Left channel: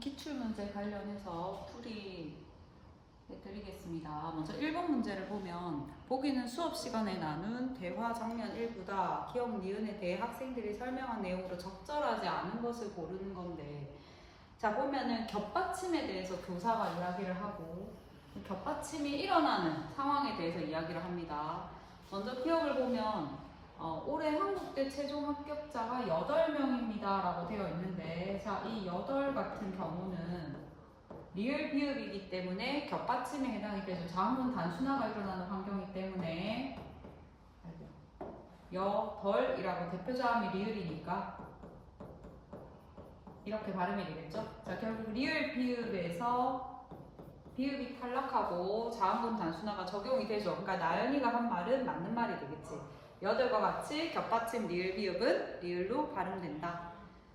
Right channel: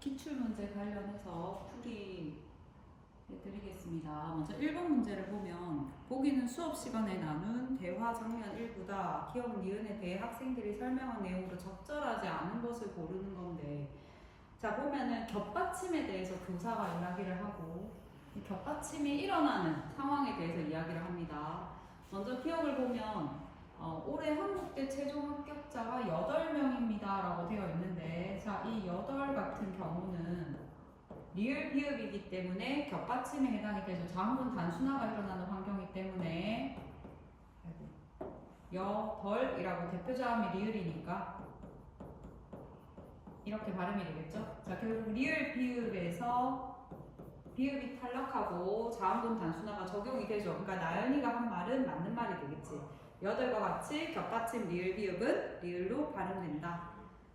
기출문제 관련해서 풀이 해드리겠습니다. 먼저 1번 문제를 보면 보기는 수업 시간에 나눈 대화 장면 일부다. 기억 니은에 대해 학생들이 설명한 내용으로 적절하지 않은 것을 고르는 건데, 자 보면은 겹받침에 대해서 교사가 이야기를 하고 겹받침이 일어나는 상황에 대해서 이야기를 합니다. 먼저 기억을 보면 올해 한국대 최종 합격자가 8명입니다 라고 되어 있는데, 자 이 8 같은 경우는 리을 비읍이기 때문에 겹받침에 해당이 되죠. 자음분 단순화가 일어나는 환경이기 때문에 여덜이라고 대표자음이 리을이니까 이렇게 발음이 되겠죠. 자 결국 리을 비읍에서 비읍이 탈락하고 자음분 단순화가 적용이 되죠. 그러니까 나연이가 한 말은 맞는 말이 되겠지. 여덟과 같이 겹받침 리을 비읍은 리을로 발음된다.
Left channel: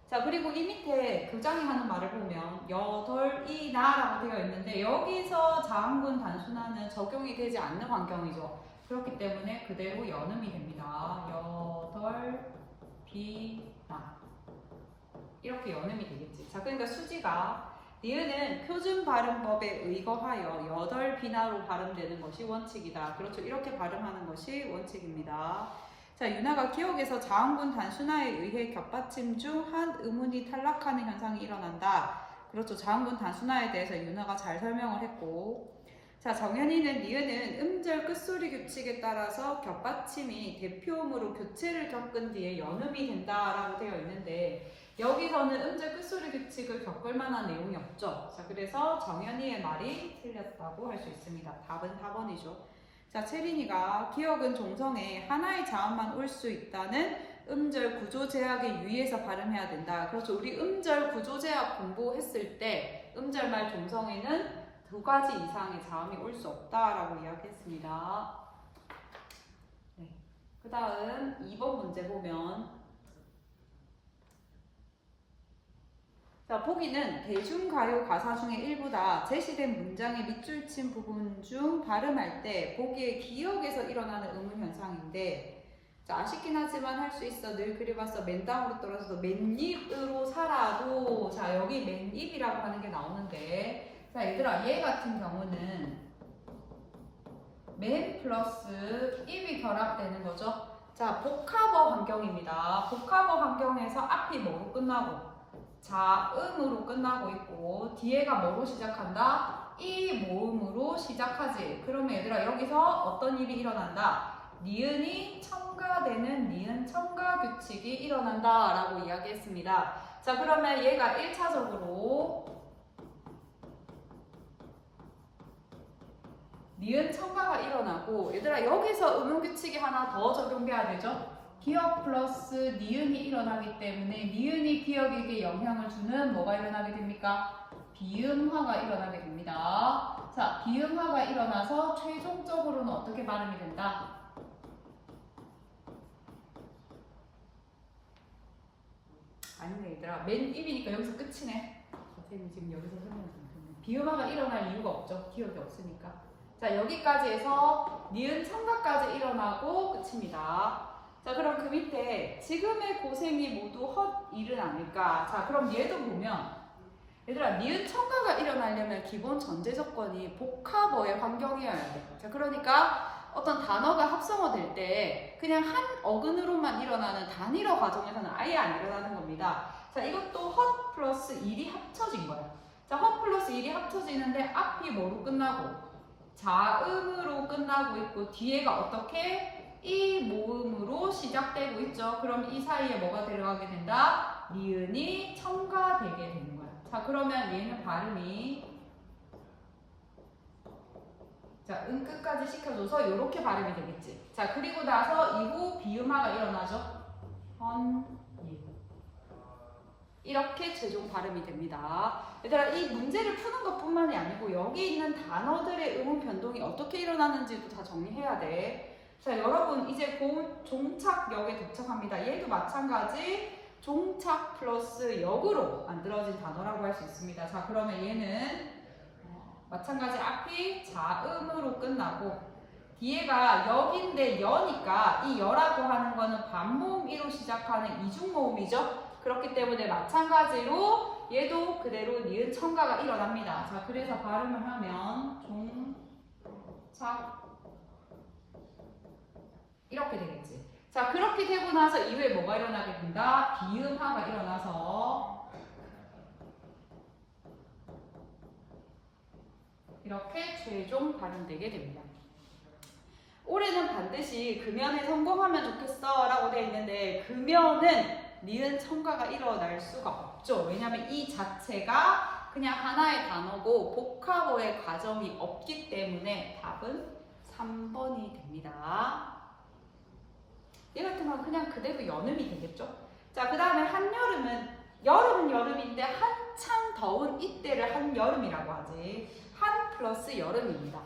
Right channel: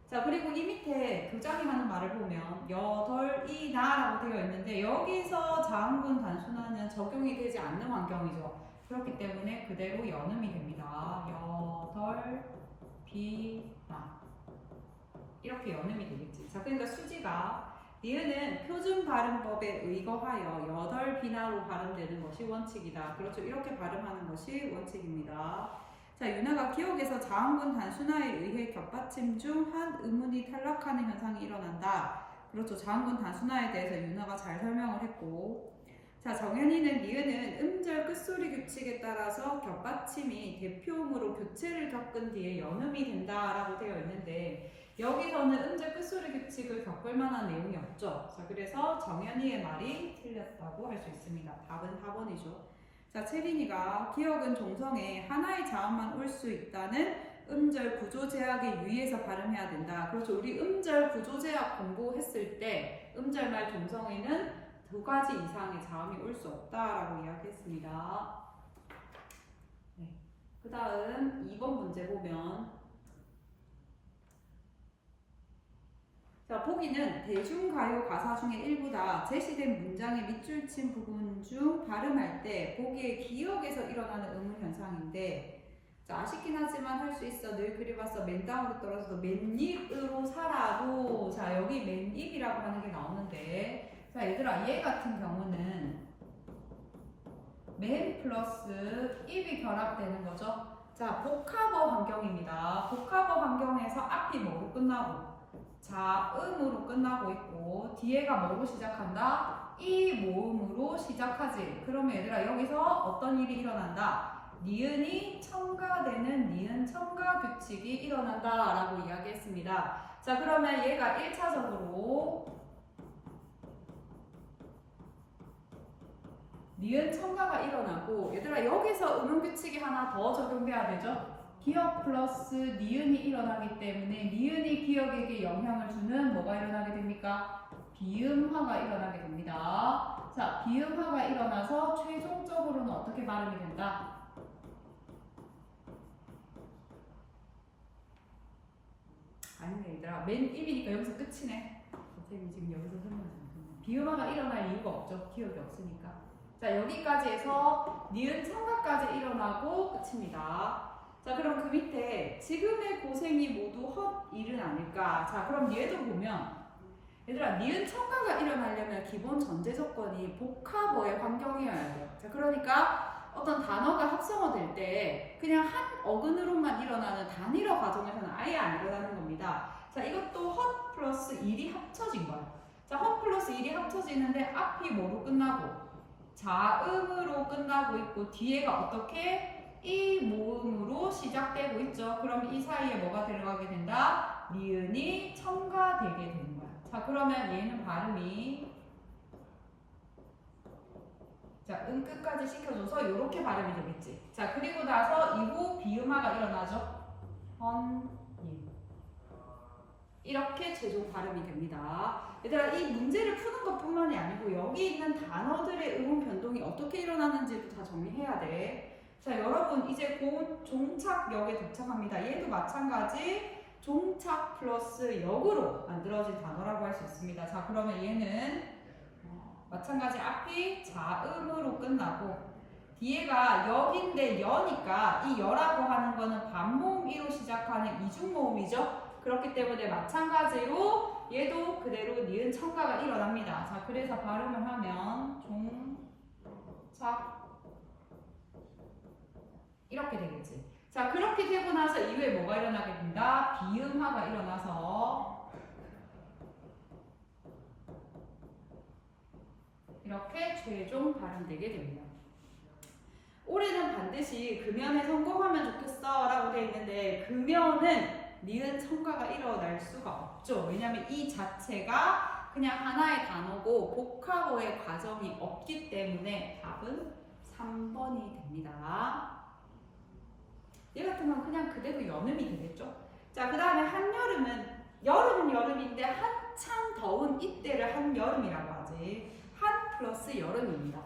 자 그리고 이 밑에 교장이 하는 말을 보면 여덜이나 라고 되어 있는데, 여기서 자음분 단순화는 적용이 되지 않는 환경이죠. 그렇기 때문에 그대로 연음이 됩니다. 여덜비나 이렇게 연음이 되겠지. 자 그러니까 수지가 니은은 표준 발음법에 의거하여 여덜비나로 발음되는 것이 원칙이다. 그렇죠. 이렇게 발음하는 것이 원칙입니다. 자, 윤아가 기억에서 자음분 단순화에 의해 겹받침 중 한 음운이 탈락하는 현상이 일어난다. 그렇죠. 자음분 단순화에 대해서 윤아가 잘 설명을 했고, 자 정현이는 니은은 음절 끝소리 규칙에 따라서 겹받침이 대표음으로 교체를 겪은 뒤에 연음이 된다라고 되어 있는데, 여기서는 음절 끝소리 규칙을 겪을 만한 내용이 없죠. 자 그래서 정현이의 말이 틀렸다고 할 수 있습니다. 답은 4번이죠. 자 채린이가 기억은 종성에 하나의 자음만 올 수 있다는 음절 구조 제약에 유의해서 발음해야 된다. 그렇죠. 우리 음절 구조 제약 공부했을 때 음절말 종성에는 2가지 이상의 자음이 올 수 없다라고 이야기했습니다. 네. 그 다음 2번 문제 보면, 자 보기는 대중가요 가사 중의 일부다. 제시된 문장의 밑줄 친 부분 중 발음할 때 보기의 기억에서 일어나는 의문 현상인데, 자 아쉽긴 하지만 할 수 있어. 늘 그려봤어. 맨땅으로 떨어져서 맨입으로 살아도, 자 여기 맨입이라고 하는 게 나오는데, 자 얘들아 얘 같은 경우는 맨 플러스 입이 결합되는 거죠. 자 복합어 환경입니다. 복합어 환경에서 앞이 뭐로 끝나고 자음으로 끝나고 있고 뒤에가 뭐로 시작한다? 이 모음으로 시작하지. 그러면 얘들아 여기서 어떤 일이 일어난다? 니은이 첨가되는 니은 첨가 규칙이 일어난다 라고 이야기했습니다. 자 그러면 얘가 1차적으로 니은 첨가가 일어나고, 얘들아 여기서 음운 규칙이 하나 더 적용돼야 되죠. 기억 플러스 니은이 일어나기 때문에 니은이 기억에게 영향을 주는 뭐가 일어나게 됩니까? 비음화가 일어나게 됩니다. 자, 비음화가 일어나서 최종적으로는 어떻게 발음이 된다? 아니네 얘들아, 맨 입이니까 여기서 끝이네. 선생님 지금 여기서 설명 좀 듣네. 비음화가 일어날 이유가 없죠. 기억이 없으니까. 자 여기까지 해서 니은 첨가까지 일어나고 끝입니다. 자 그럼 그 밑에 지금의 고생이 모두 헛일은 아닐까. 자 그럼 얘도 보면 얘들아 니은 첨가가 일어나려면 기본 전제 조건이 복합어의 환경이어야 돼. 자 그러니까 어떤 단어가 합성어 될 때 그냥 한 어근으로만 일어나는 단일어 과정에서는 아예 안 일어나는 겁니다. 자 이것도 헛 플러스 1이 합쳐진 거야. 자 헛 플러스 1이 합쳐지는데 앞이 뭐로 끝나고 자음으로 끝나고 있고 뒤에가 어떻게 이 모음으로 시작되고 있죠. 그럼 이 사이에 뭐가 들어가게 된다? 니은이 첨가되게 되는 거야. 자 그러면 얘는 발음이 자 끝까지 시켜줘서 이렇게 발음이 되겠지. 자 그리고 나서 이후 비음화가 일어나죠. 이렇게 최종 발음이 됩니다. 얘들아 이 문제를 푸는 것 뿐만이 아니고 여기 있는 단어들의 음운 변동이 어떻게 일어나는지도 다 정리해야 돼. 자 여러분 이제 곧 종착역에 도착합니다. 얘도 마찬가지 종착 플러스 역으로 만들어진 단어라고 할 수 있습니다. 자 그러면 얘는 마찬가지 앞이 자음으로 끝나고 뒤에가 역인데 여니까 이 여라고 하는 거는 반모음 이로 시작하는 이중모음이죠. 그렇기 때문에 마찬가지로 얘도 그대로 니은 첨가가 일어납니다. 자, 그래서 발음을 하면 종착 이렇게 되겠지. 자, 그렇게 되고 나서 이후에 뭐가 일어나게 된다? 비음화가 일어나서 이렇게 최종 발음되게 됩니다. 올해는 반드시 금연에 성공하면 좋겠어 라고 되어 있는데 금연은 니은 첨가가 일어날 수가 없죠. 왜냐하면 이 자체가 그냥 하나의 단어고 복합어의 과정이 없기 때문에 답은 3번이 됩니다. 얘 같은 건 그냥 그대로 연음이 되겠죠. 자, 그 다음에 한여름은 여름은 여름인데 한참 더운 이때를 한여름이라고 하지. 한 플러스 여름입니다.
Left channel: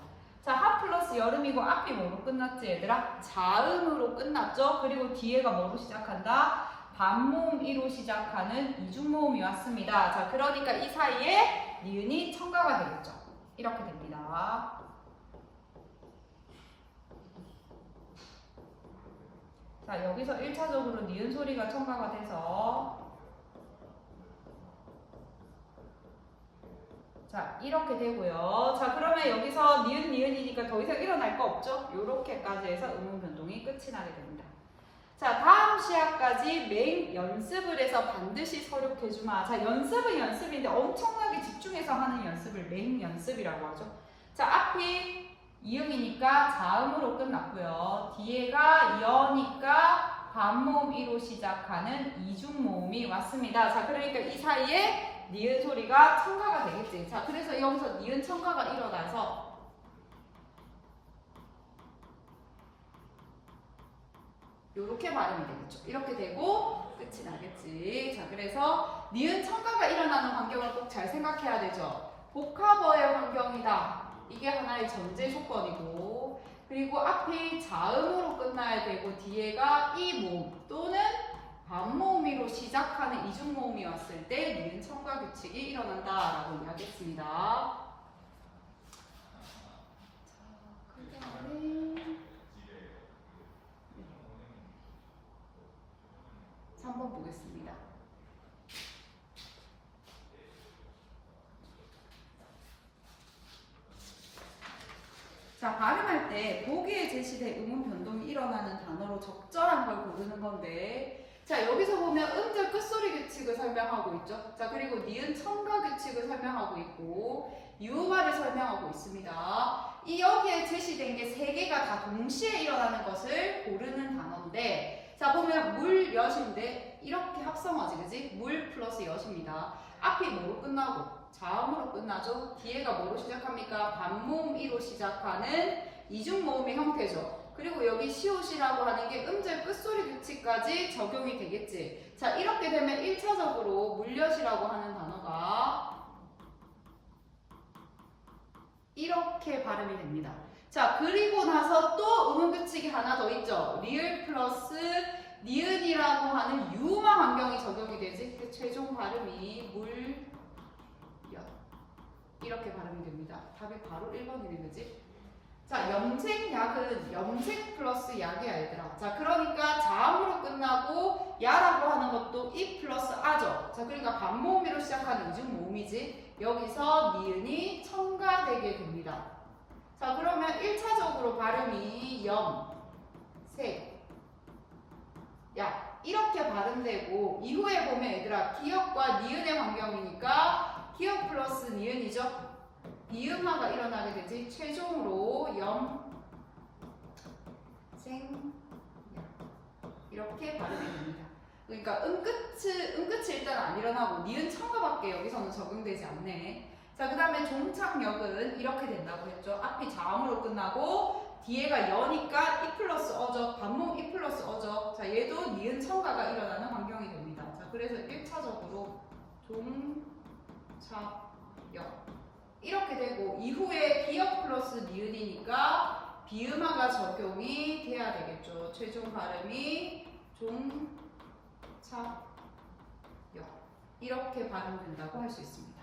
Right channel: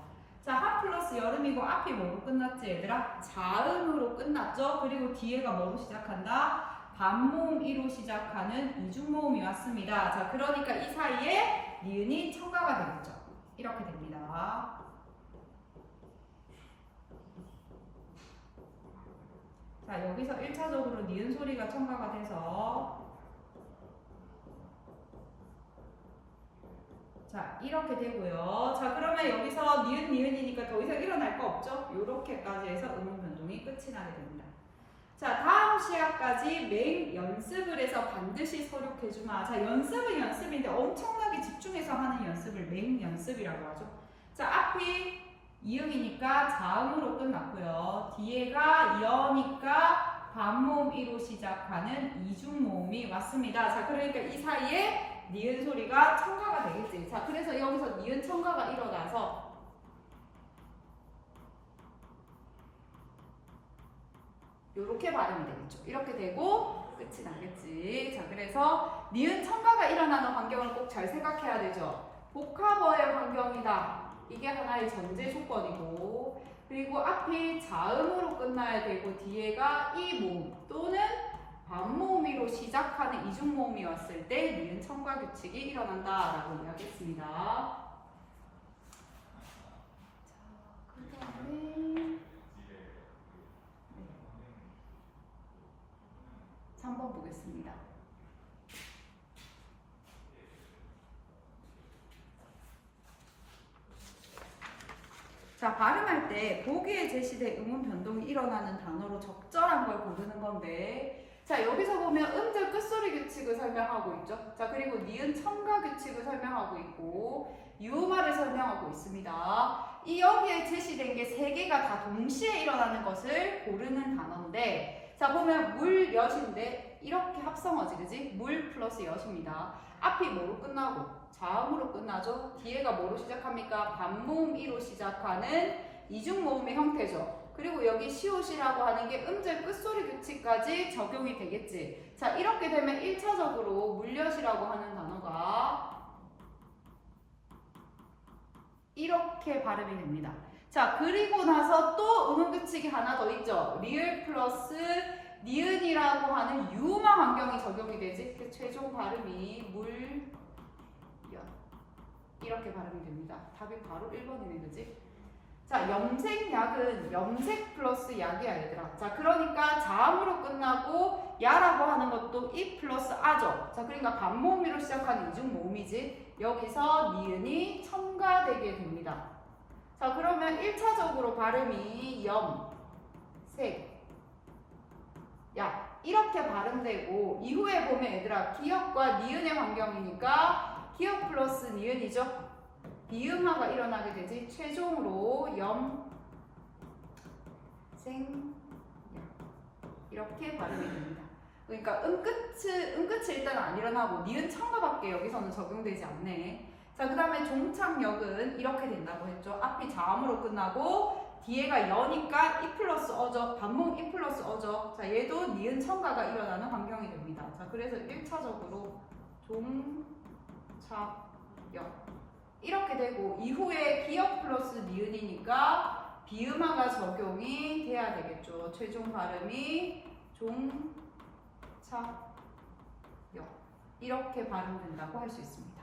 자, 한 플러스 여름이고 앞이 뭐로 끝났지 얘들아? 자음으로 끝났죠. 그리고 뒤에가 뭐로 시작한다? 반모음이로 시작하는 이중모음이 왔습니다. 자, 그러니까 이 사이에 니은이 첨가가 되겠죠. 이렇게 됩니다. 자, 여기서 1차적으로 니은 소리가 첨가가 돼서 자, 이렇게 되고요. 자, 그러면 여기서 니은이니까 더 이상 일어날 거 없죠? 요렇게까지 해서 음운 변동이 끝이 나게 됩니다. 자, 다음 시야까지 매일 연습을 해서 반드시 서력해주마. 자, 연습은 연습인데 엄청나게 집중해서 하는 연습을 매일 연습이라고 하죠. 자, 앞이 이음이니까 자음으로 끝났고요. 뒤에가 여니까 반모음이로 시작하는 이중모음이 왔습니다. 자, 그러니까 이 사이에 니은 소리가 첨가가 되겠지. 자, 그래서 여기서 니은 첨가가 일어나서 요렇게 발음이 되겠죠. 이렇게 되고 끝이 나겠지. 자, 그래서 니은 첨가가 일어나는 환경을 꼭 잘 생각해야 되죠. 복합어의 환경이다. 이게 하나의 전제 조건이고, 그리고 앞이 자음으로 끝나야 되고 뒤에가 이 모음 또는 반모음이로 시작하는 이중모음이 왔을 때 니은 첨가 규칙이 일어난다라고 이야기했습니다. 자, 그 다음에 3번 보겠습니다. 자, 발음할 때 보기에 제시된 음운 변동이 일어나는 단어로 적절한 걸 고르는 건데, 자, 여기서 보면 음절 끝소리 규칙을 설명하고 있죠. 자, 그리고 니은 첨가 규칙을 설명하고 있고 유발을 설명하고 있습니다. 이 여기에 제시된 게 3개가 다 동시에 일어나는 것을 고르는 단어인데, 자, 보면 물, 엿인데 이렇게 합성어지, 그지? 물 플러스 엿입니다. 앞이 뭐로 끝나고? 자음으로 끝나죠. 뒤에가 뭐로 시작합니까? 반모음 이로 시작하는 이중모음의 형태죠. 그리고 여기 시옷이라고 하는 게 음절 끝소리 규칙까지 적용이 되겠지. 자, 이렇게 되면 1차적으로 물엿이라고 하는 단어가 이렇게 발음이 됩니다. 자, 그리고 나서 또 음운 규칙이 하나 더 있죠. 리을 플러스 니은이라고 하는 유음화 환경이 적용이 되지. 그 최종 발음이 물, 엿 이렇게 발음이 됩니다. 답이 바로 1번이네, 그지? 자, 염색, 약은 염색 플러스 약이야, 얘들아. 자, 그러니까 자음으로 끝나고 야라고 하는 것도 이 플러스 아죠. 자, 그러니까 반모음으로 시작하는 이중모음이지. 여기서 니은이 첨가되게 됩니다. 자, 그러면 1차적으로 발음이 염, 색, 약 이렇게 발음되고, 이후에 보면 얘들아 기역과 니은의 환경이니까 기역 플러스 니은이죠. 비음화가 일어나게 되지. 최종으로 염, 생, 약 이렇게 발음이 됩니다. 그러니까 음끝이 일단 안 일어나고 니은 첨가밖에 여기서는 적용되지 않네. 자, 그 다음에 종착역은 이렇게 된다고 했죠. 앞이 자음으로 끝나고 뒤에가 여니까 이 플러스 어죠. 반모음 이 플러스 어죠. 자, 얘도 니은 첨가가 일어나는 환경이 됩니다. 자, 그래서 1차적으로 종착역 이렇게 되고, 이후에 기역 플러스 니은이니까 비음화가 적용이 돼야 되겠죠. 최종 발음이 종착역 이렇게 발음된다고 할 수 있습니다.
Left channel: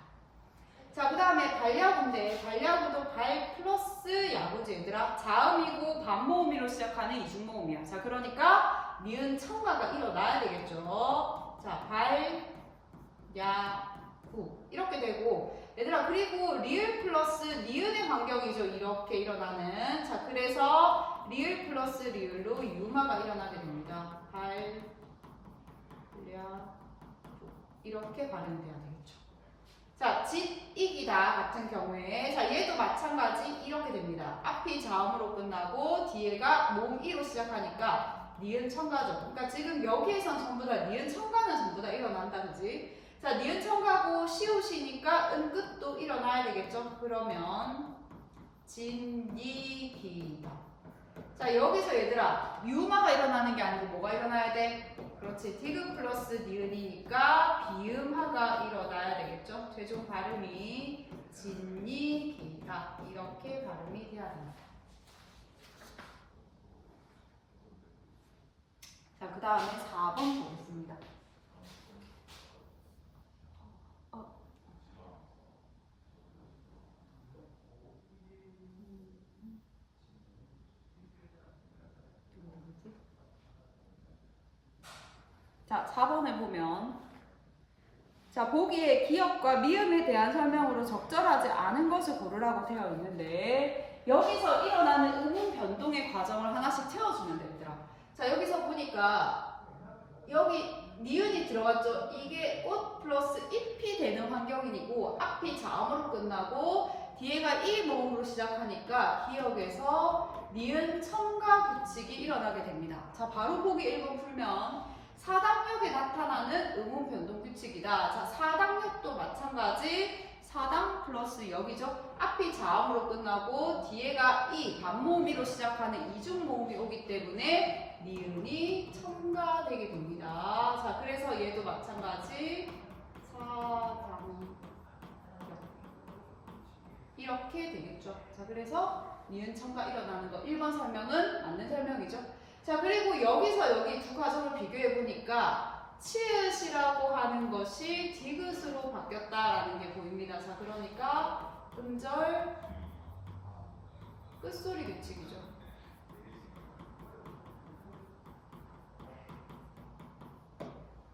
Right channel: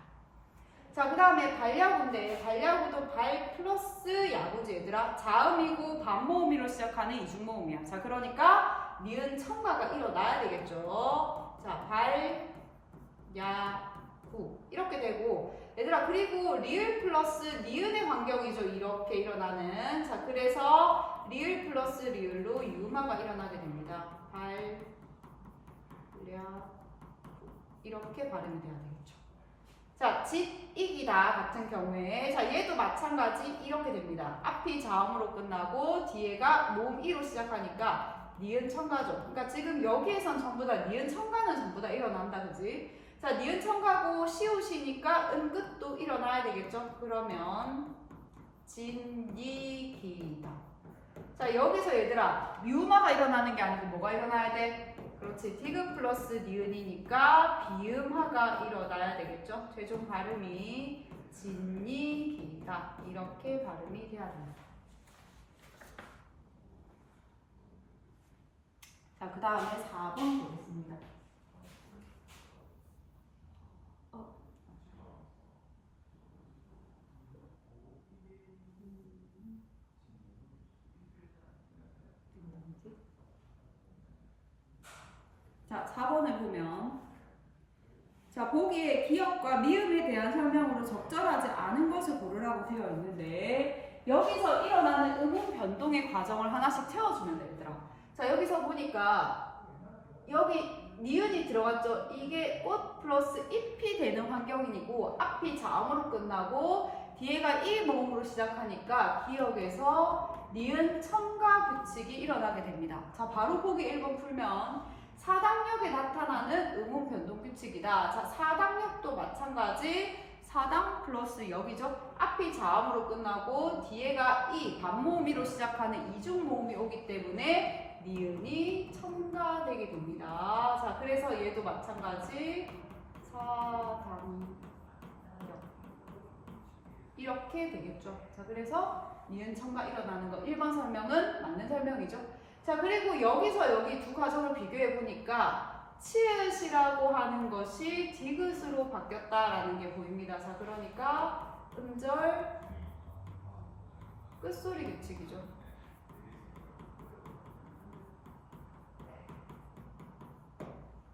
자, 그 다음에 발야구인데 발야구도 발 플러스 야구지, 얘들아. 자음이고 반모음이로 시작하는 이중모음이야. 자, 그러니까 니은 첨가가 일어나야 되겠죠. 자, 발, 야, 구. 이렇게 되고, 얘들아, 그리고 리을 플러스 니은의 환경이죠. 이렇게 일어나는. 자, 그래서 리을 플러스 리을로 유마가 일어나게 됩니다. 발, 야, 구. 이렇게 발음이 돼야 되겠죠. 자, 짓이기다 같은 경우에, 자, 얘도 마찬가지 이렇게 됩니다. 앞이 자음으로 끝나고 뒤에가 몸이로 시작하니까 니은 첨가죠. 그러니까 지금 여기에선 전부 다 니은 첨가는 전부 다 일어난다, 그지? 자, 니은 첨가고 시우시니까 은끝도 일어나야 되겠죠? 그러면 진이기다. 자, 여기서 얘들아, 유마가 일어나는 게 아니고 뭐가 일어나야 돼? 그렇지, 디귿 플러스 니은이니까 비음하가 일어나야 되겠죠? 최종 발음이 진이기다. 이렇게 발음이 돼야 됩니다. 자, 그 다음에 4번 보겠습니다. 자, 4번을 보면, 자, 보기에 기역과 미음에 대한 설명으로 적절하지 않은 것을 고르라고 되어 있는데, 여기서 일어나는 음운 변동의 과정을 하나씩 채워주면 되더라. 자, 여기서 보니까 여기 니은이 들어갔죠. 이게 꽃 플러스 잎이 되는 환경이고, 앞이 자음으로 끝나고 뒤에가 이 모음으로 시작하니까 기역에서 니은 첨가 규칙이 일어나게 됩니다. 자, 바로 보기 1번 풀면 사당역에 나타나는 음운 변동 규칙이다. 자, 사당역도 마찬가지. 사당 플러스 역이죠. 앞이 자음으로 끝나고 뒤에가 이 반모음이로 시작하는 이중 모음이 오기 때문에 니은이 첨가되게 됩니다. 자, 그래서 얘도 마찬가지. 사당역 이렇게 되겠죠. 자, 그래서 니은 첨가 일어나는 거 1번 설명은 맞는 설명이죠. 자, 그리고 여기서 여기 두 가정을 비교해 보니까 치읓이라고 하는 것이 디귿으로 바뀌었다라는 게 보입니다. 자, 그러니까 음절 끝소리 규칙이죠.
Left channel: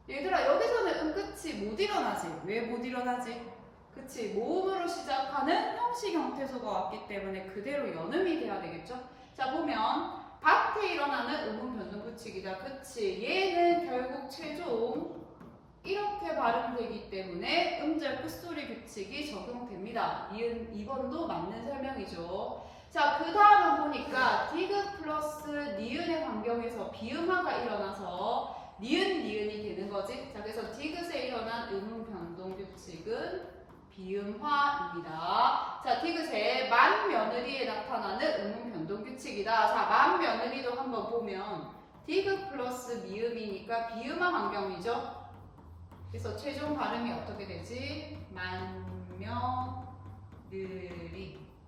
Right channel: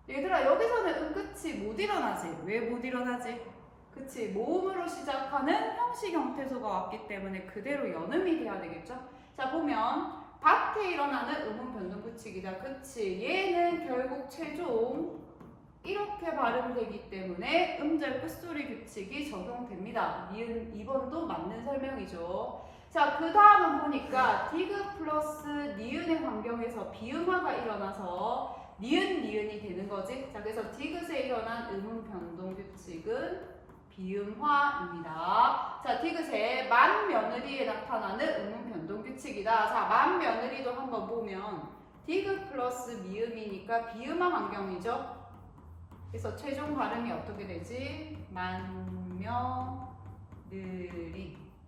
얘들아, 여기서는 음끝이 못 일어나지. 왜 못 일어나지? 그치, 모음으로 시작하는 형식 형태소가 왔기 때문에 그대로 연음이 돼야 되겠죠. 자, 보면 밭에 일어나는 음운 변동 규칙이다. 그치, 얘는 결국 최종 이렇게 발음되기 때문에 음절 끝소리 규칙이 적용됩니다. 니은 2번도 맞는 설명이죠. 자, 그 다음은 보니까 디귿 플러스 니은의 환경에서 비음화가 일어나서 니은이 되는 거지. 자, 그래서 디귿에 일어난 음운 변동 규칙은 비음화입니다. 자, 디귿의 만며느리에 나타나는 음운 변동 규칙이다. 자, 만며느리도 한번 보면 디귿 플러스 미음이니까 비음화 환경이죠. 그래서 최종 발음이 어떻게 되지? 만며느리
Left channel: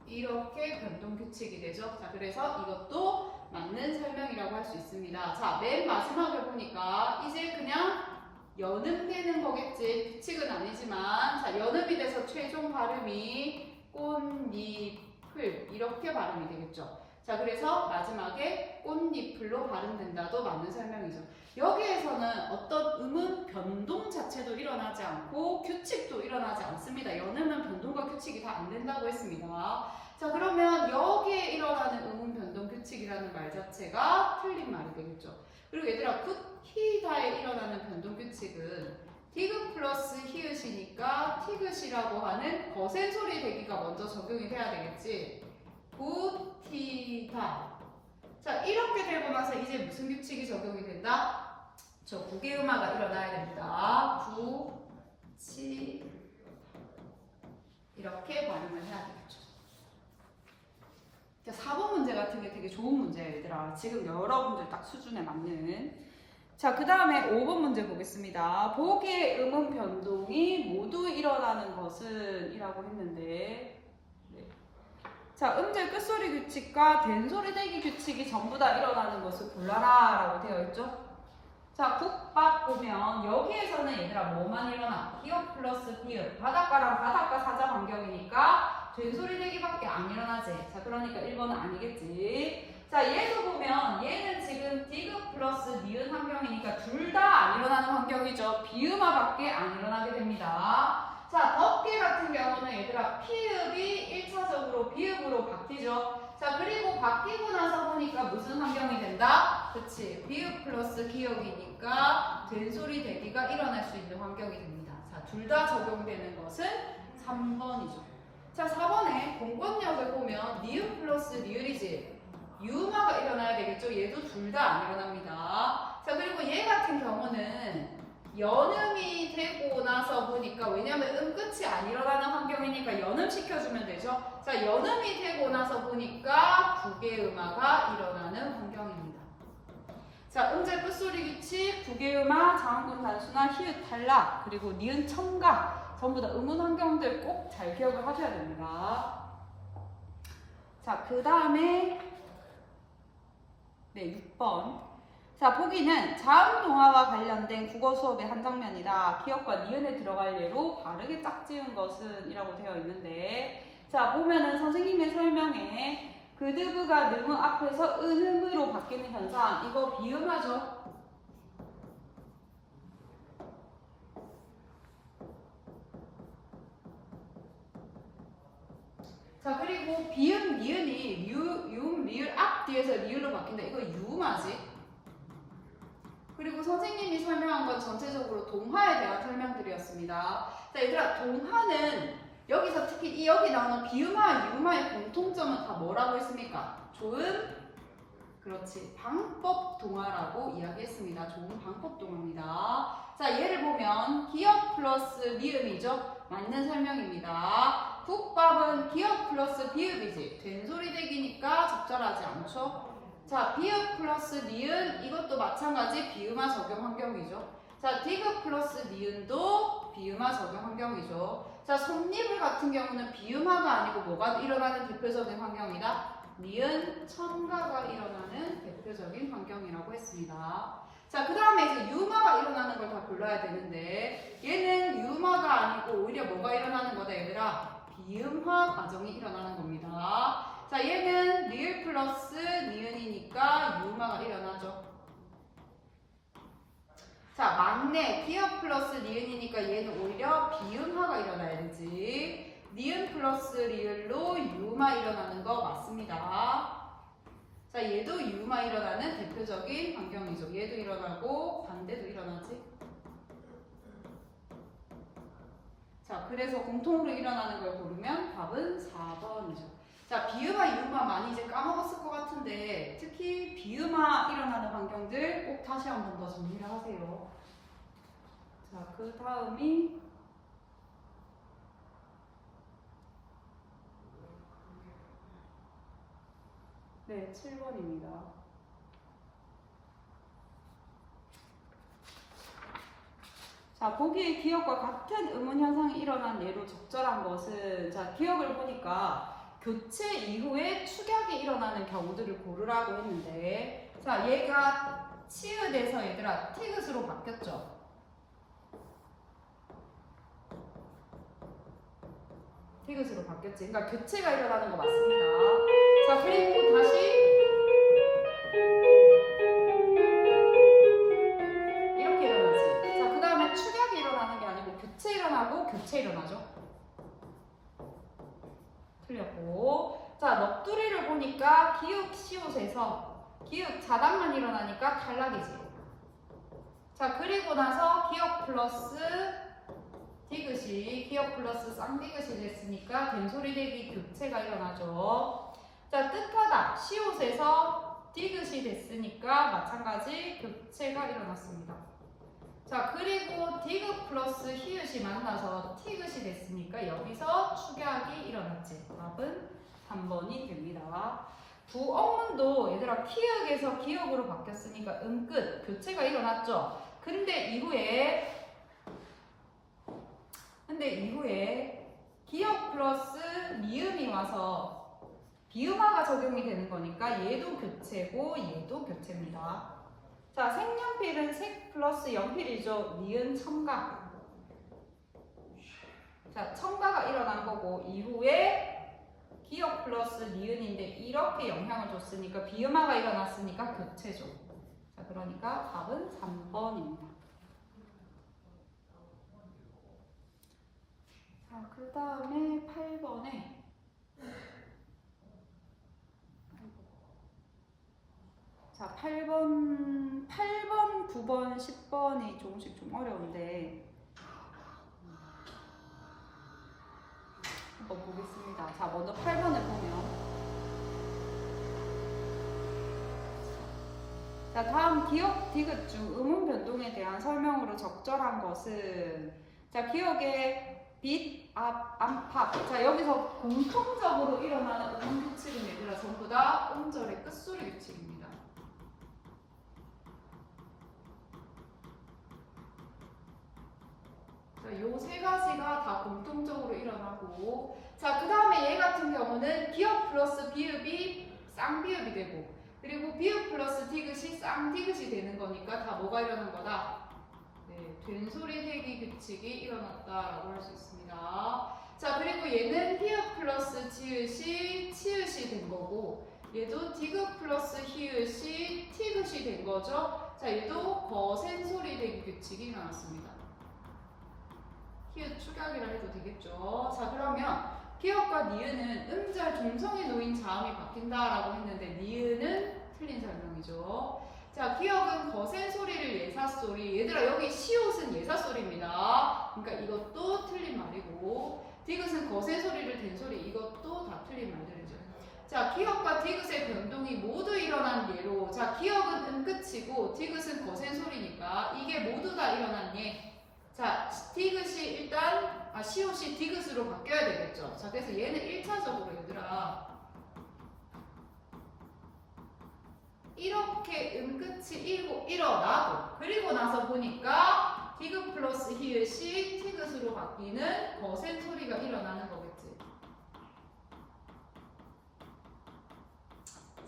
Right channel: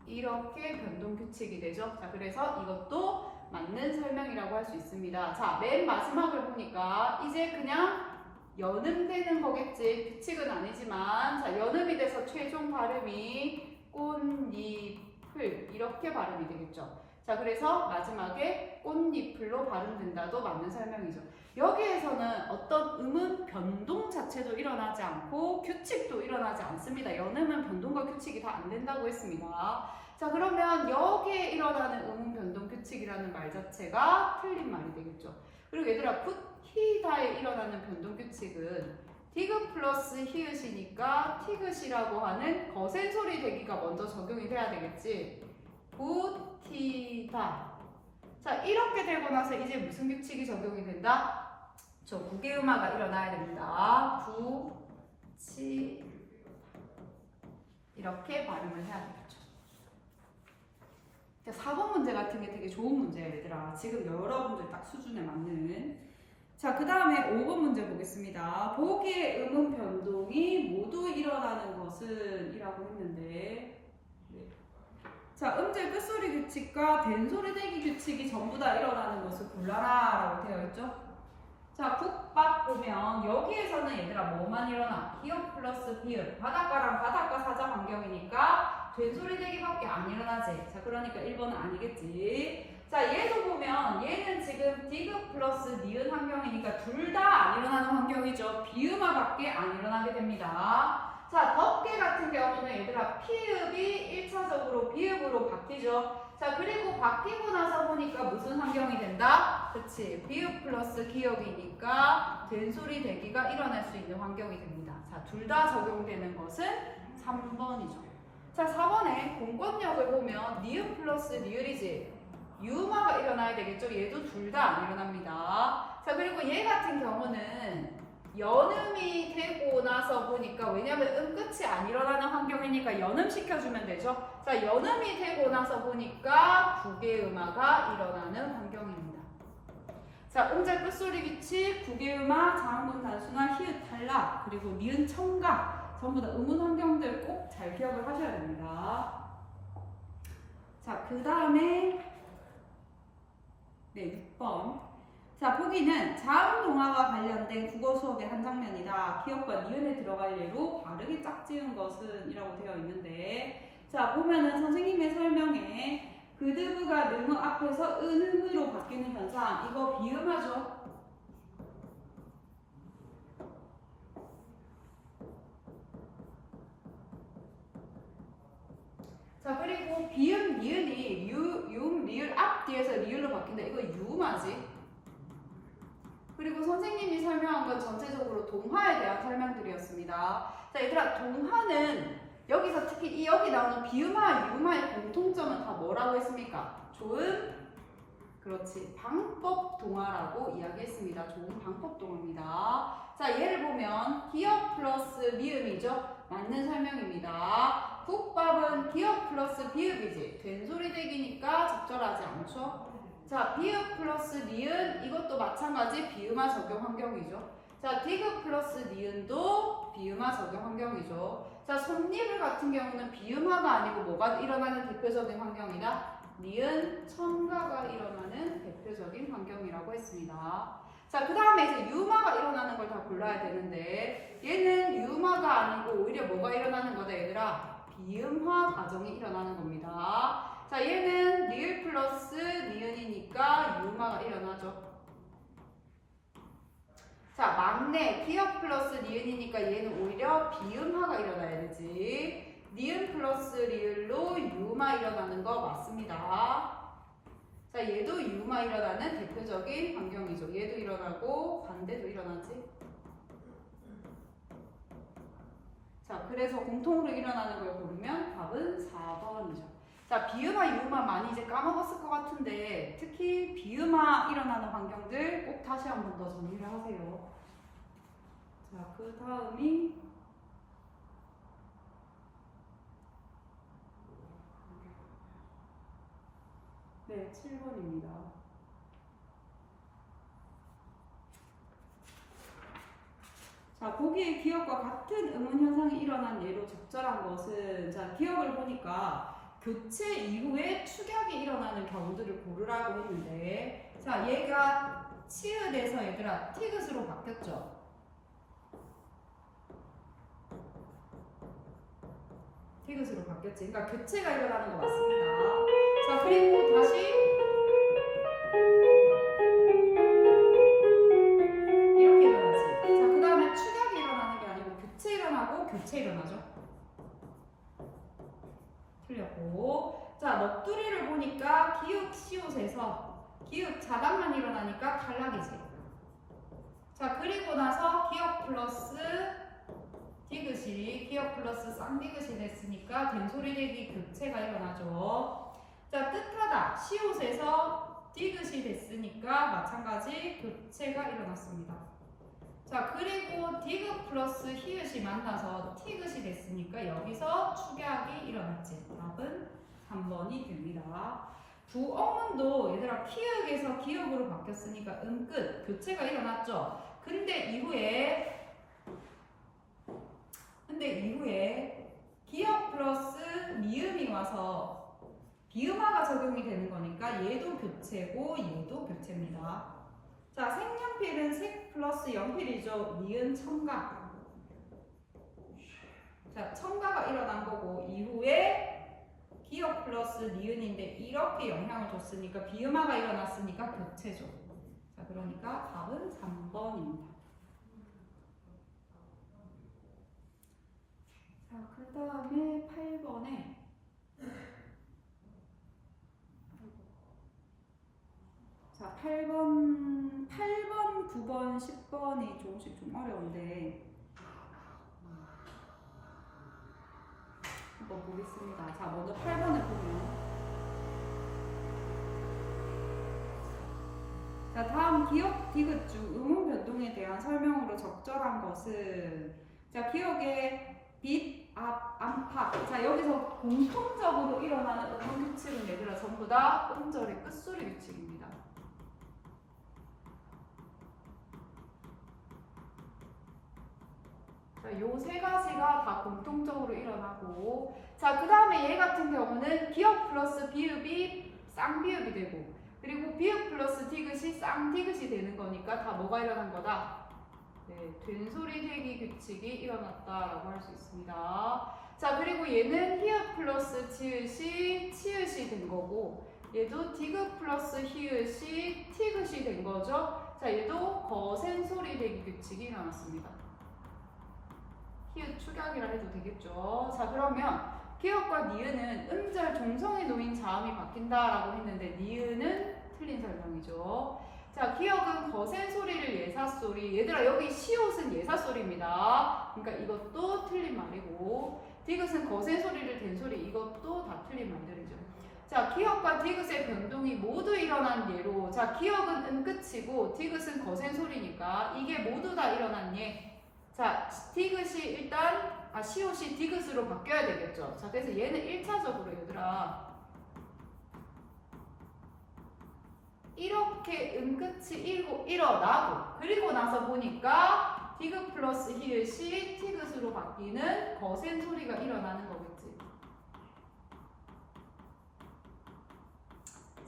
이렇게 변동 규칙이 되죠. 자, 그래서 이것도 맞는 설명이라고 할 수 있습니다. 자, 맨 마지막을 보니까 이제 그냥 연음되는 거겠지. 규칙은 아니지만, 자, 연음이 돼서 최종 발음이 꽃잎을 이렇게 발음이 되겠죠. 자, 그래서 마지막에 꽃잎을로 발음된다도 맞는 설명이죠. 여기에서는 어떤 음은 변동 자체도 일어나지 않고 규칙도 일어나지 않습니다. 연음은 변동과 규칙이 다 안 된다고 했습니다. 자, 그러면 여기에 일어나는 음운 변동 규칙이라는 말 자체가 틀린 말이 되겠죠. 그리고 얘들아, 굿히다에 일어나는 변동 규칙은 디귿 플러스 히읗이니까 티귿이라고 하는 거센 소리 대기가 먼저 적용이 돼야 되겠지. 굿히다. 자, 이렇게 되고 나서 이제 무슨 규칙이 적용이 된다? 저 구개음화가 일어나야 됩니다. 구, 치 이렇게 발음을 해야 되겠죠. 자, 4번 문제 같은 게 되게 좋은 문제예요, 얘들아. 지금 여러분들 딱 수준에 맞는. 자, 그 다음에 5번 문제 보겠습니다. 보기의 음운 변동이 모두 일어나는 것은 이라고 했는데, 네. 자, 음절 끝소리 규칙과 된소리 대기 규칙이 전부 다 일어나는 것을 골라라 라고 되어 있죠. 자, 국밥 보면 여기에서는 얘들아 뭐만 일어나? 기역 플러스 비읍. 바닷가랑 바닷가 사자 환경이니까 된소리 대기밖에 안 일어나지. 자, 그러니까 1번은 아니겠지. 자, 얘도 보면 보면 얘는 지금 디귿 플러스 니은 환경이니까 둘 다 안 일어나는 환경이죠. 비음화밖에 안 일어나게 됩니다. 자, 덮개 같은 경우는 얘들아 피읍이 1차적으로 비읍으로 바뀌죠. 자, 그리고 바뀌고 나서 보니까 무슨 환경이 된다? 그치, 비읍 플러스 기역이니까 된소리 대기가 일어날 수 있는 환경이 됩니다. 자, 둘 다 적용되는 것은 3번이죠. 자, 4번에 공권력을 보면 니은 플러스 리을이지 유음화가 일어나야 되겠죠. 얘도 둘 다 안 일어납니다. 자, 그리고 얘 같은 경우는 연음이 되고 나서 보니까 왜냐면 끝이 안 일어나는 환경이니까 연음 시켜주면 되죠. 자, 연음이 되고 나서 보니까 국외음화가 일어나는 환경입니다. 자, 음절 끝소리 기치, 국외음화, 장군 단수나 히읗 탈락, 그리고 니은 첨가 전부 다 음운 환경들 꼭 잘 기억을 하셔야 됩니다. 자, 그 다음에 네, 6번. 자, 보기는 자음 동화와 관련된 국어 수업의 한 장면이다. 기역과 니은에 들어갈 예로 바르게 짝지은 것은 이라고 되어 있는데, 자, 보면은 선생님의 설명에 그드브가 느무 앞에서 은음으로 바뀌는 현상, 이거 비음하죠. 자, 그리고 비음, 니은이 유음, 리을 앞 뒤에서 리을로 바뀐다. 이거 유음하지. 그리고 선생님이 설명한 건 전체적으로 동화에 대한 설명들이었습니다. 자, 얘들아, 동화는 여기서 특히 여기 나오는 비음화, 유음화의 공통점은 다 뭐라고 했습니까? 좋은, 그렇지, 방법 동화라고 이야기했습니다. 좋은 방법 동화입니다. 자, 예를 보면 기역 플러스 미음이죠. 맞는 설명입니다. 국밥은 기역 플러스 비읍이지. 된소리 대기니까 적절하지 않죠. 자, 비읍 플러스 니은 이것도 마찬가지 비음화 적용 환경이죠. 자, 디귿 플러스 니은도 비음화 적용 환경이죠. 자, 섭리불 같은 경우는 비음화가 아니고 뭐가 일어나는 대표적인 환경이다? 니은 첨가가 일어나는 대표적인 환경이라고 했습니다. 자, 그 다음에 이제 유음화가 일어나는 걸 다 골라야 되는데 얘는 유음화가 아니고 오히려 뭐가 일어나는 거다 얘들아? 비음화 과정이 일어나는 겁니다. 자, 얘는 리을 플러스 니은이니까 유음화가 일어나죠. 자, 막내 기역 플러스 니은이니까 얘는 오히려 비음화가 일어나야 되지. 니은 플러스 리을로 유음화 일어나는 거 맞습니다. 자, 얘도 유음화 일어나는 대표적인 환경이죠. 얘도 일어나고 반대도 일어나지. 자, 그래서 공통으로 일어나는 걸 고르면 답은 4번이죠. 자, 비음화, 유음화 많이 이제 까먹었을 것 같은데 특히 비음화 일어나는 환경들 꼭 다시 한 번 더 정리를 하세요. 자, 그 다음이 네, 7번입니다. 자, 보기에 기역과 같은 음운 현상이 일어난 예로 적절한 것은, 자, 기역을 보니까 교체 이후에 축약이 일어나는 경우들을 고르라고 했는데, 자, 얘가 치읓에서 얘들아 티귿으로 바뀌었죠. 티귿으로 바뀌었지. 그러니까 교체가 일어나는 거 맞습니다. 자, 그리고 다시 이렇게 일어나지. 자, 그 다음에 축약이 일어나는 게 아니고 교체 일어나고 교체 일어나죠. 틀렸고. 자, 넋두리를 보니까 기역 시옷에서 기역 자단만 일어나니까 탈락이지. 자, 그리고 나서 기역 플러스 디귿이 기역 플러스 쌍디귿이 됐으니까 된소리 대기 교체가 일어나죠. 자, 뜻하다 시옷에서 디귿이 됐으니까 마찬가지 교체가 일어났습니다. 자, 그리고 디귿 플러스 히읗이 만나서 티귿이 됐으니까 여기서 축약이 일어났지. 답은 3번이 됩니다. 부엉문도 얘들아 티귿에서 기역으로 바뀌었으니까 음끝 교체가 일어났죠. 근데 이후에 기역 플러스 미음이 와서 비음화가 적용이 되는 거니까 얘도 교체고 얘도 교체입니다. 자, 색연필은 색 플러스 연필이죠. 니은 첨가. 자, 첨가가 일어난 거고 이후에 기역 플러스 니은인데 이렇게 영향을 줬으니까 비음화가 일어났으니까 교체죠. 자, 그러니까 답은 3번입니다. 자, 그 다음에 8번에 자, 8번, 9번, 10번이 조금씩 좀 어려운데 한번 보겠습니다. 자, 먼저 8번을 보면 자, 다음 기역 디귿 중 음운 변동에 대한 설명으로 적절한 것은 자, 기역의 빛, 앞, 안팎 자, 여기서 공통적으로 일어나는 음운 규칙은 얘들아 전부 다 음절의 끝소리 규칙입니다. 요 세 가지가 다 공통적으로 일어나고 자, 그 다음에 얘 같은 경우는 기역 플러스 비읍이 쌍비읍이 되고 그리고 비읍 플러스 디귿이 쌍디귿이 되는 거니까 다 뭐가 일어난 거다? 네, 된소리 대기 규칙이 일어났다라고 할 수 있습니다. 자, 그리고 얘는 히읗 플러스 지읒이 치읒이 된 거고 얘도 디귿 플러스 히읗이 티귿이 된 거죠. 자, 얘도 거센소리 대기 규칙이 일어났습니다. 히읗 축약이라 해도 되겠죠. 자, 그러면 기역과 니은은 음절 종성에 놓인 자음이 바뀐다라고 했는데 니은은 틀린 설명이죠. 자, 기역은 거센 소리를 예사소리. 얘들아 여기 시옷은 예사소리입니다. 그러니까 이것도 틀린 말이고 디귿은 거센 소리를 된소리. 이것도 다 틀린 말들이죠. 자, 기역과 디귿의 변동이 모두 일어난 예로 자, 기역은 음끝이고 디귿은 거센 소리니까 이게 모두 다 일어난 예. 자, 디귿이 일단 시옷이 디귿으로 바뀌어야 되겠죠. 자, 그래서 얘는 1차적으로 얘들아 이렇게 음끝이 일어나고 그리고 나서 보니까 디귿 플러스 히읗이 티귿으로 바뀌는 거센 소리가 일어나는 거겠지.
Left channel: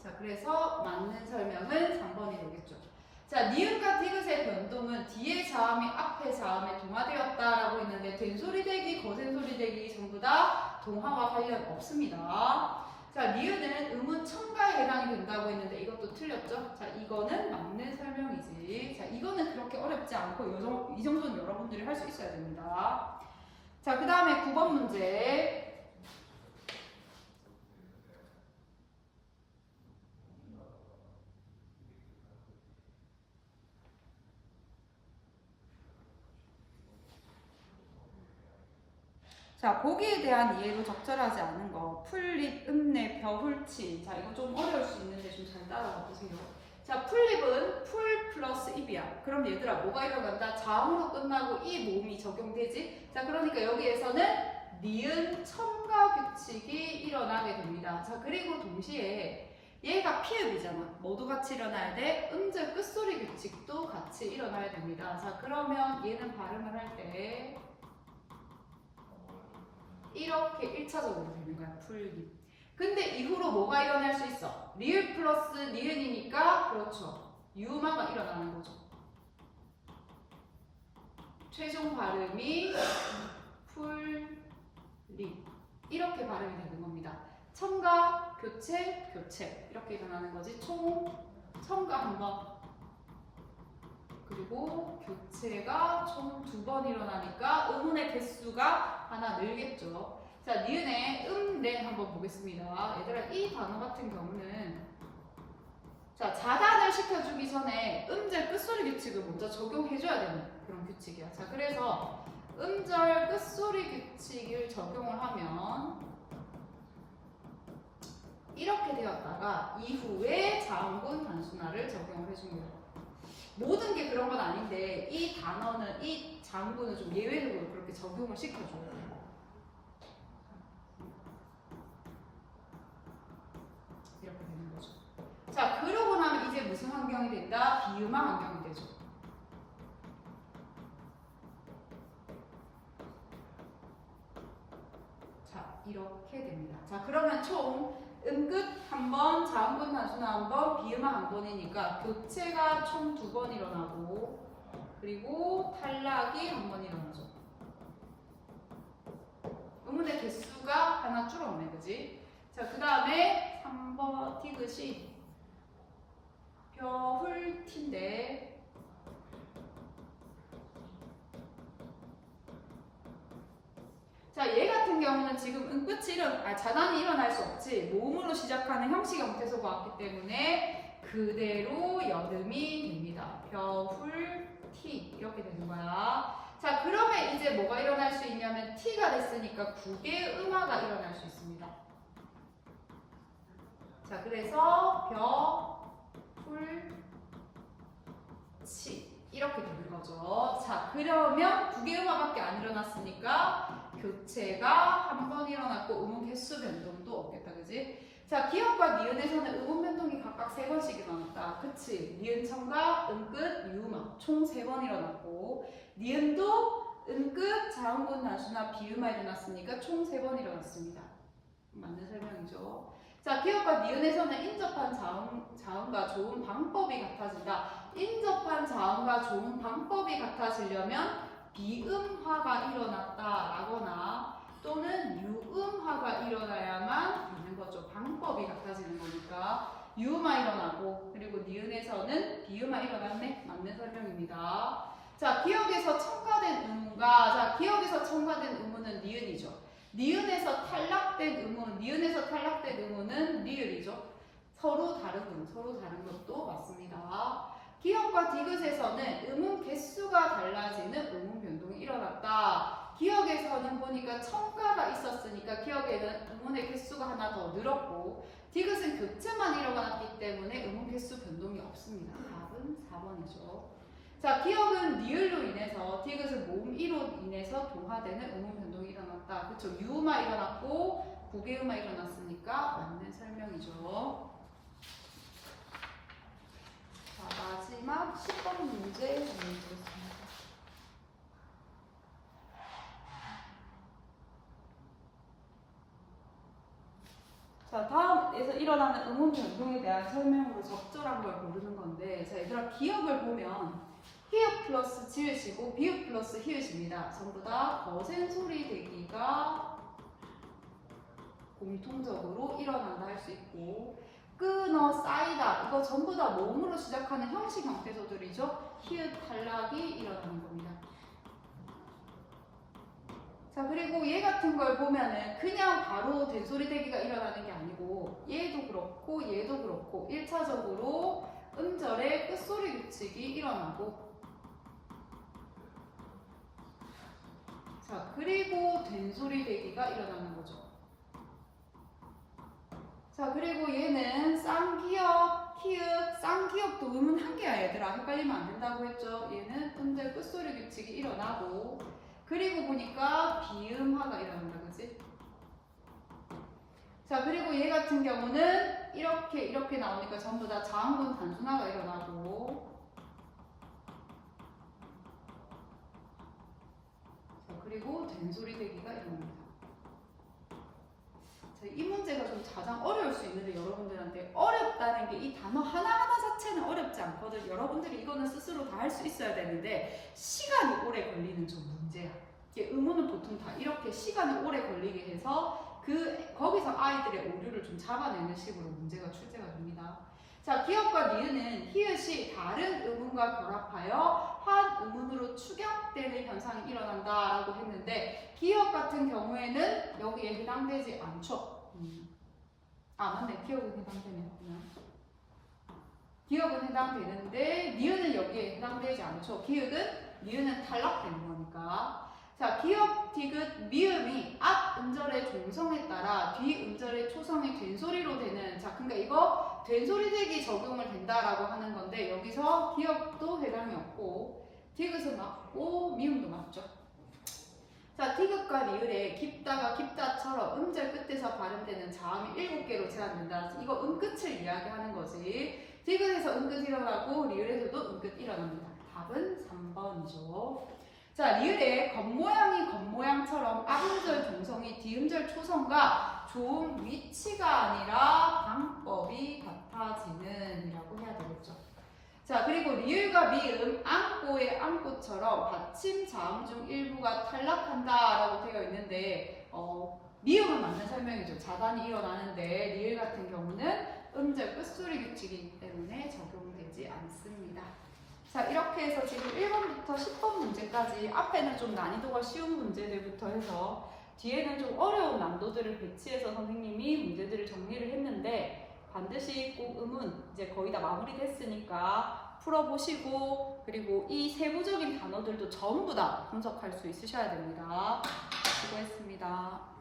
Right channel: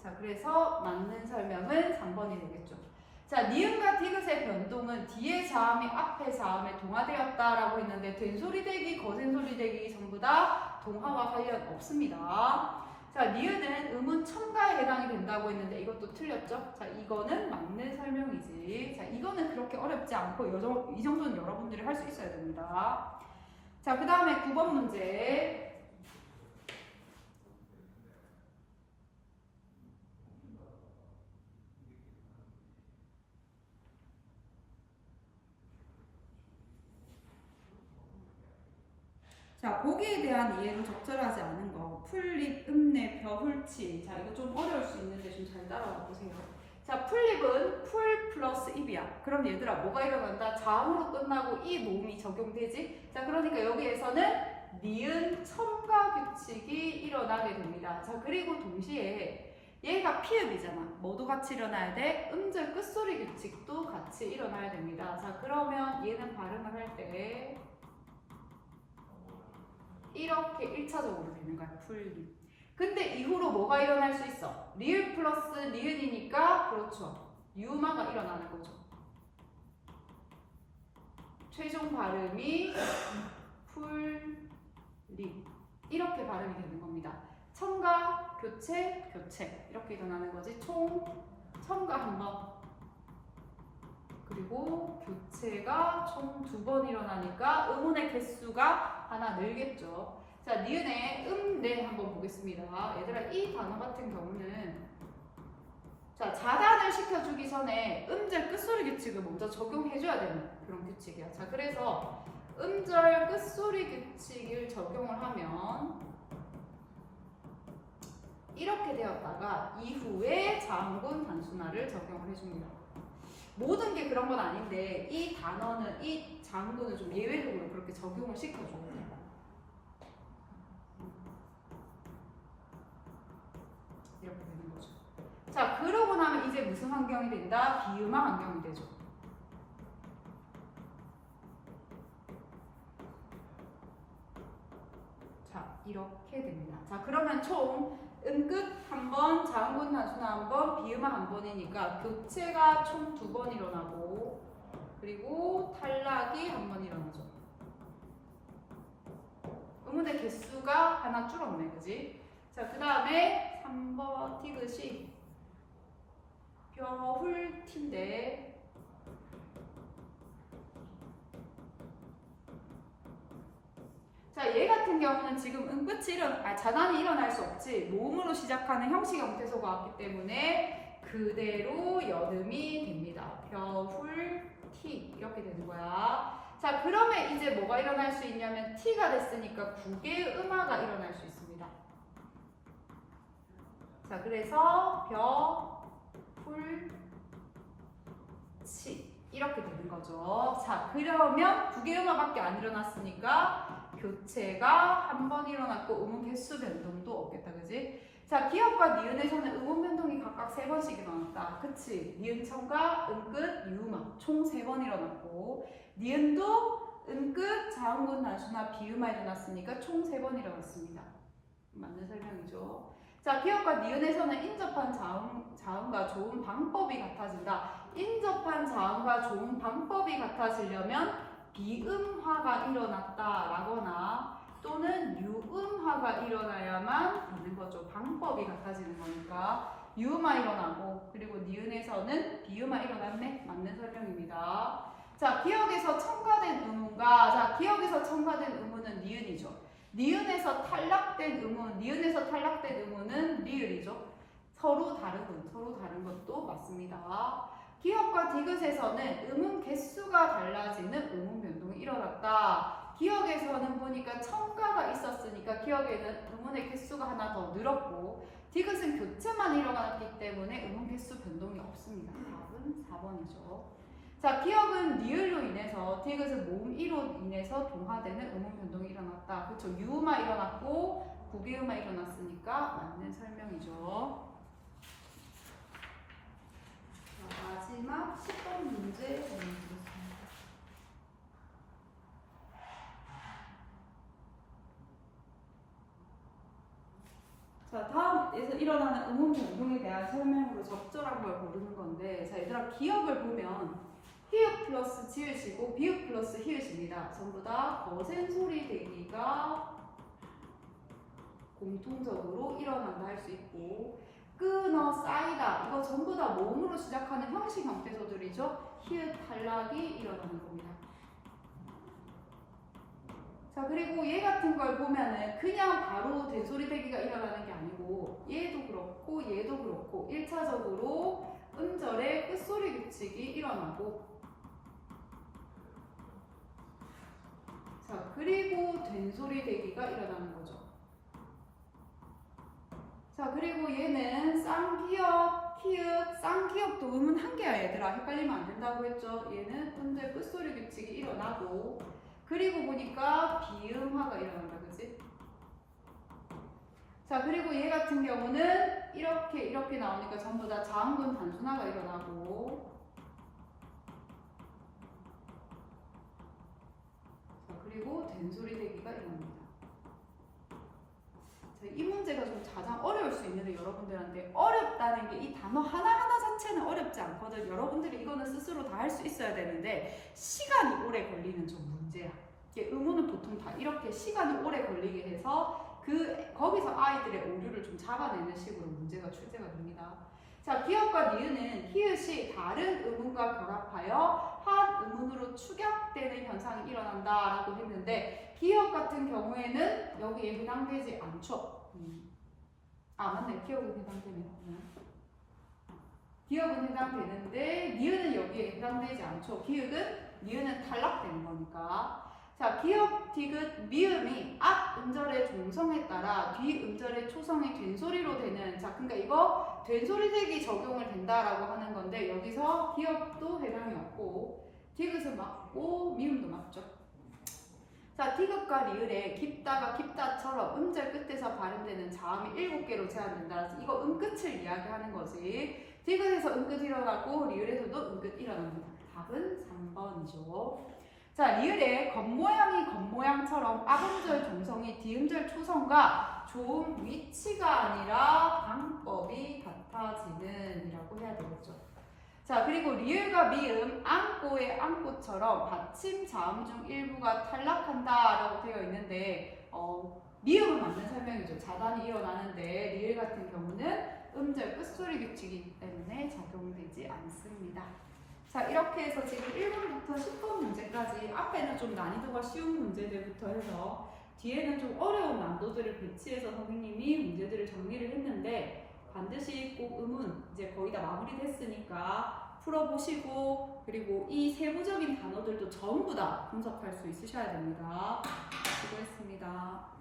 자, 그래서 맞는 설명은 3번이 되겠죠. 자, 니은과 디귿의 변동은 뒤에 자음이 앞에 자음에 동화되었다라고 했는데 된소리 대기, 거센소리 대기 전부 다 동화와 관련 없습니다. 자, 니은은 음운 첨가에 해당이 된다고 했는데 이것도 틀렸죠? 자, 이거는 맞는 설명이지. 자, 이거는 그렇게 어렵지 않고 이 정도는 여러분들이 할 수 있어야 됩니다. 자, 그 다음에 9번 문제. 자, 보기에 대한 이해도 적절하지 않은 거. 풀립, 읍내, 벼훌치. 자, 이거 좀 어려울 수 있는데 좀 잘 따라가 보세요. 자, 풀립은 풀 플러스 입이야. 그럼 얘들아 뭐가 일어난다? 자음으로 끝나고 이 모음이 적용되지? 자, 그러니까 여기에서는 니은 첨가 규칙이 일어나게 됩니다. 자, 그리고 동시에 얘가 피읍이잖아. 뭐도 같이 일어나야 돼? 음절 끝소리 규칙도 같이 일어나야 됩니다. 자, 그러면 얘는 발음을 할때 이렇게 1차적으로 되는 거야. 풀립. 근데 이후로 뭐가 일어날 수 있어? 리을 플러스 니은이니까 그렇죠. 유마가 일어나는 거죠. 최종 발음이 풀립. 이렇게 발음이 되는 겁니다. 첨가, 교체, 교체. 이렇게 일어나는 거지. 첨가 한 번. 그리고 교체가 총 2번 일어나니까 음운의 개수가 하나 늘겠죠. 자, 니은의 네 한번 보겠습니다. 얘들아 이 단어 같은 경우는 자, 자단을 시켜주기 전에 음절 끝소리 규칙을 먼저 적용해줘야 되는 그런 규칙이야. 자, 그래서 음절 끝소리 규칙을 적용을 하면 이렇게 되었다가 이후에 자음군 단순화를 적용을 해줍니다. 모든 게 그런 건 아닌데 이 단어는 이 장구는 좀 예외적으로 그렇게 적용을 시켜줘요. 이렇게 되는 거죠. 자, 그러고 나면 이제 무슨 환경이 된다? 비음화 환경이 되죠. 자, 이렇게 됩니다. 자, 그러면 총 음끝 한 번, 자음군 단순화 한 번, 비음화 한 번이니까 교체가 총 2번 일어나고 그리고 탈락이 한 번 일어나죠. 음운의 개수가 하나 줄었네, 그지? 자, 그 다음에 3번 티귿이 벼훌티인데 자, 얘 같은 경우는 지금 은끝이 자단이 일어날 수 없지. 모음으로 시작하는 형식 형태소가 왔기 때문에 그대로 여름이 됩니다. 벼훌티 이렇게 되는 거야. 자, 그러면 이제 뭐가 일어날 수 있냐면 T가 됐으니까 국의 음화가 일어날 수 있습니다. 자, 그래서 벼훌치 이렇게 되는 거죠. 자, 그러면 국의 음화밖에 안 일어났으니까 교체가 한 번 일어났고 음운 개수 변동도 없겠다, 그지? 자, 기역과 니은에서는 음운 변동이 각각 3번씩 일어났다. 그치? 니은 청가, 은끝, 유음화 총 3번 일어났고 니은도 은끝, 자음군 단수나 비음화 일어났으니까 총 3번 일어났습니다. 맞는 설명이죠. 자, 기역과 니은에서는 인접한 자음과 조음 방법이 같아진다. 인접한 자음과 조음 방법이 같아지려면 비음화가 일어났다라거나 또는 유음화가 일어나야만 되는 거죠. 방법이 같아지는 거니까 유음화 일어나고 그리고 니은에서는 비음화 일어났네. 맞는 설명입니다. 자, 기역에서 첨가된 음운과 자, 기역에서 첨가된 음운은 니은이죠. 니은에서 탈락된 음운은 리을이죠. 서로 다른 것도 맞습니다. 기역과 디귿에서는 음운 개수가 달라지는 음운 변동이 일어났다. 기역에서는 보니까 첨가가 있었으니까 기역에는 음운의 개수가 하나 더 늘었고 디귿은 교체만 일어났기 때문에 음운 개수 변동이 없습니다. 답은 4번이죠. 자, 기역은 리을로 인해서 디귿은 모음이로 인해서 동화되는 음운 변동이 일어났다. 그렇죠. 유음화 일어났고 국외음화 일어났으니까 맞는 설명이죠. 자, 마지막 10번 문제 보여드리겠습니다. 자, 다음에서 일어나는 음운 변동에 대한 설명으로 적절한 걸 고르는 건데 자, 얘들아 기역을 보면 히읗 플러스 지읒이고 비읍 플러스 히읗입니다. 전부 다 거센 소리 대기가 공통적으로 일어난다 할 수 있고 끊어 쌓이다 이거 전부 다 모음으로 시작하는 형식 형태소들이죠. 히읗 탈락이 일어나는 겁니다. 자, 그리고 얘 같은 걸 보면은 그냥 바로 된소리 대기가 일어나는 게 아니고 얘도 그렇고 1차적으로 음절의 끝소리 규칙이 일어나고 자, 그리고 된소리 대기가 일어나는 거죠. 자, 그리고 얘는 쌍기역, 키읔, 쌍기역도 음은 한 개야 얘들아. 헷갈리면 안 된다고 했죠. 얘는 음절 끝소리 규칙이 일어나고 그리고 보니까 비음화가 일어난다, 그지? 자, 그리고 얘 같은 경우는 이렇게 나오니까 전부 다 자음군 단순화가 일어나고 자, 그리고 된소리 대기가 일어납니다. 자, 이 문제가 좀 가장 어려울 수 있는데 여러분들한테 어렵다는 게 이 단어 하나하나 자체는 어렵지 않거든. 여러분들이 이거는 스스로 다 할 수 있어야 되는데 시간이 오래 걸리는 좀 문제야. 의문은 보통 다 이렇게 시간이 오래 걸리게 해서 거기서 아이들의 오류를 좀 잡아내는 식으로 문제가 출제가 됩니다. 자, 기역과 니은은 히읗이 다른 음운과 결합하여 한 음운으로 추격되는 현상이 일어난다라고 했는데 기역 같은 경우에는 여기에 해당되지 않죠. 아, 맞네. 기역은 해당되네요. 기역은 해당되는데 니은은 여기에 해당되지 않죠. 니은은 탈락되는 거니까. 자, 기역, 디귿, 미음이 앞 음절의 종성에 따라 뒤 음절의 초성이 된소리로 되는 자, 그러니까 이거 된소리 대기 적용을 된다라고 하는 건데 여기서 기역도 해당이 없고 디귿은 맞고 미음도 맞죠. 자, 디귿과 리을에 깊다가 깊다처럼 음절 끝에서 발음되는 자음이 7개로 제한된다. 이거 음끝을 이야기하는 거지. 디귿에서 음끝 일어나고 리을에서도 음끝 일어납니다. 답은 3번이죠. 자, 리을의 겉모양이 겉모양처럼 앞음절 종성이 뒤음절 초성과 조음 위치가 아니라 방법이 같아지는 이라고 해야 되겠죠. 자, 그리고 리을과 미음, 안고의 안고처럼 받침 자음 중 일부가 탈락한다 라고 되어 있는데 리을만 맞는 설명이죠. 자단이 일어나는데 리을 같은 경우는 음절 끝소리 규칙이기 때문에 적용되지 않습니다. 자, 이렇게 해서 지금 1번부터 10번 문제까지 앞에는 좀 난이도가 쉬운 문제들부터 해서 뒤에는 좀 어려운 난도들을 배치해서 선생님이 문제들을 정리를 했는데 반드시 꼭 음은 이제 거의 다 마무리됐으니까 풀어보시고 그리고 이 세부적인 단어들도 전부 다 분석할 수 있으셔야 됩니다. 수고했습니다.